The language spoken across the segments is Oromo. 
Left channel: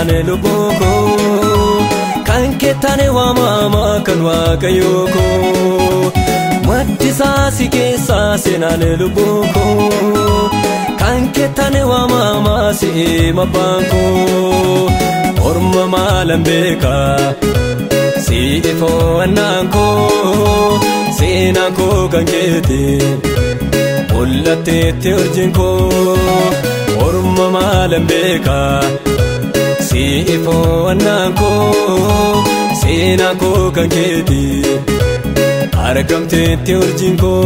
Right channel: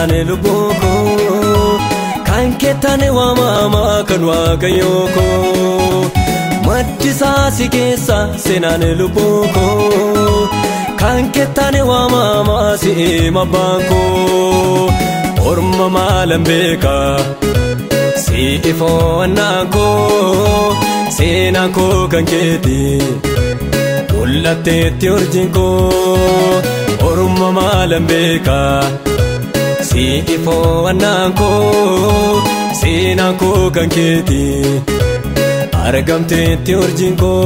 seenaan lubbuu kan keettani waamama kan waaqayyoo maddisaa si keessa seenaan lubbuu kan keettani waamama si mabaangoo orma maalan beekaa si ifoowwannaangoo seenaan koo kan keeti mul'atteetti hojjengoo orma maalan beekaa si ifoowwannaangoo seenaan koo kan keeti argamteetti hojjengoo.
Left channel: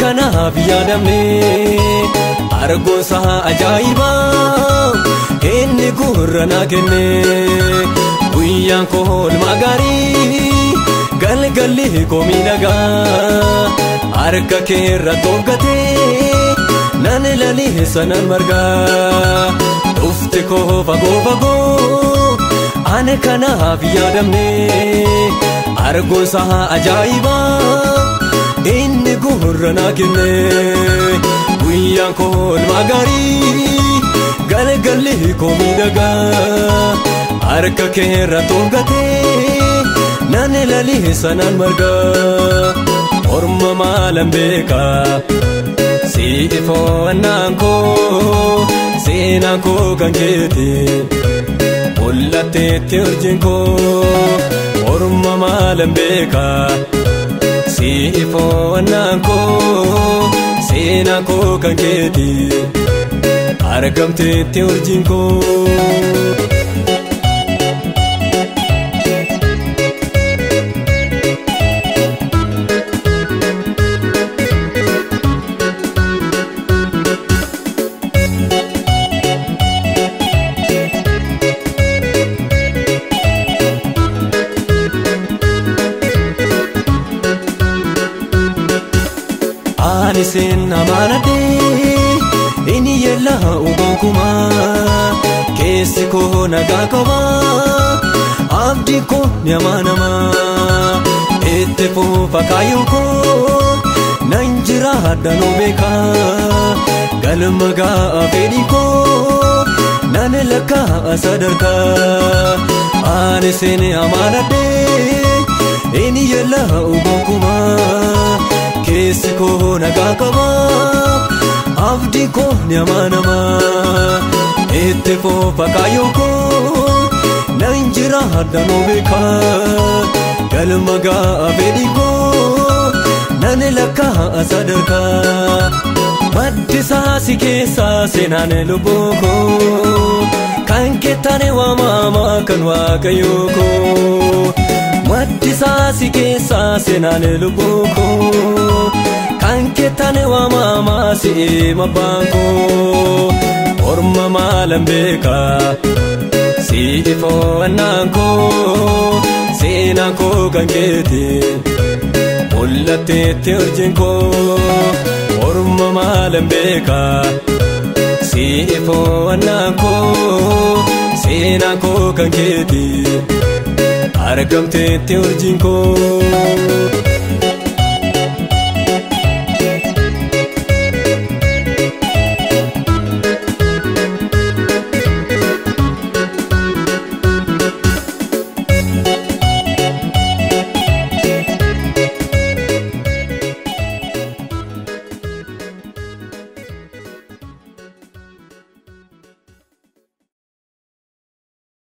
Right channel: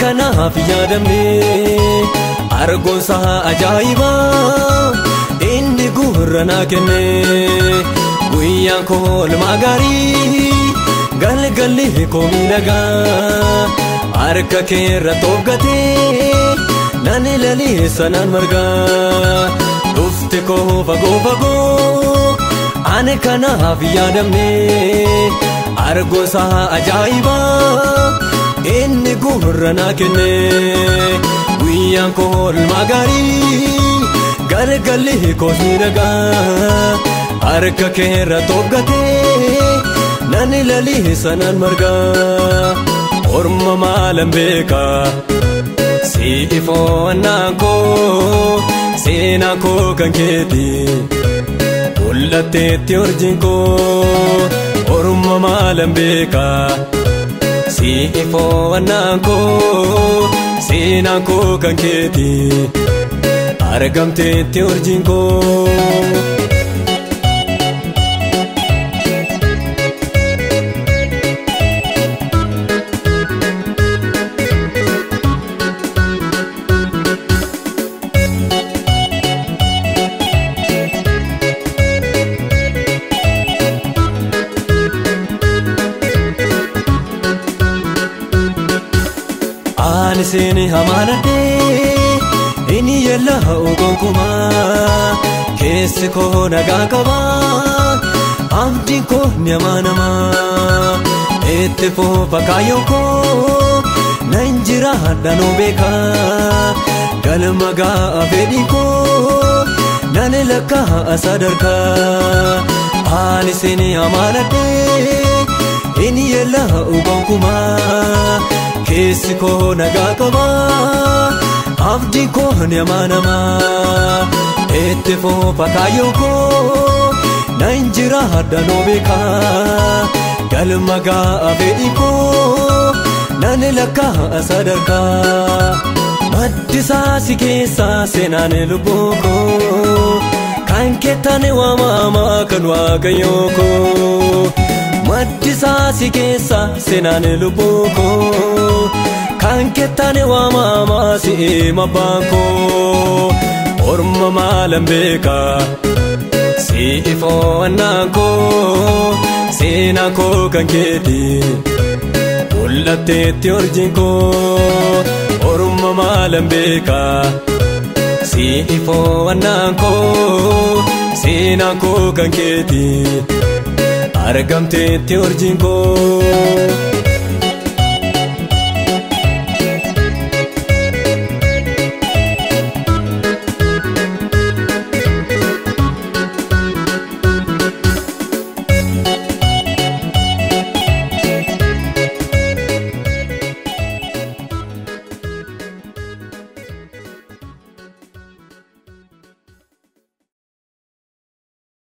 Kanaaf yaadamee argoosa ajaa'ibaa inni gurra naa kennee guyyaan kool magaarii galgalee koomiidhagaa harka keerra tolkatee lalee sana margaa dhufte koofa ani kanaaf yaadamee argoosa ajaa'ibaa. Gurra naa kennee guyyaan kool magaarii galgalee koomiidhagaa harka keerra tolkatee lalee sana margaa orma maalan beekaa si ifoowwannaangoo seenaan koo kan keeti mul'atteetti hojjengoo orma maalan beekaa si ifoowwannaangoo seenaan koo kan keeti argamteetti hojjengoo. Seeni amaarate inni yaalaa uumakumaa keessa koo nagaa qabaa abdii koo namaa itti foofa kaayoo koo nan jira danuu beekaa galma gaafeedhi koo nan lakkaa sadarkaa ani seeni amaarate inni yaalaa uumakumaa keessa koo. Itti foofa kaayoo koo nan jira danuu beekaa galma gaafeedhi koo nan lakkaa sadarkaa maddisaa si keessa seenaan lubbuu kan keettani waamama kan waaqayyoo maddisaa si keessa seenaan lubbuu kan keettani waamama si mabaangoo orma maalan beekaa si ifoowwannaangoo seenaan koo kan keeti mul'atteetti hojjengoo orma maalan beekaa si ifoowwannaangoo seenaan koo kan keeti argamteetti hojjengoo.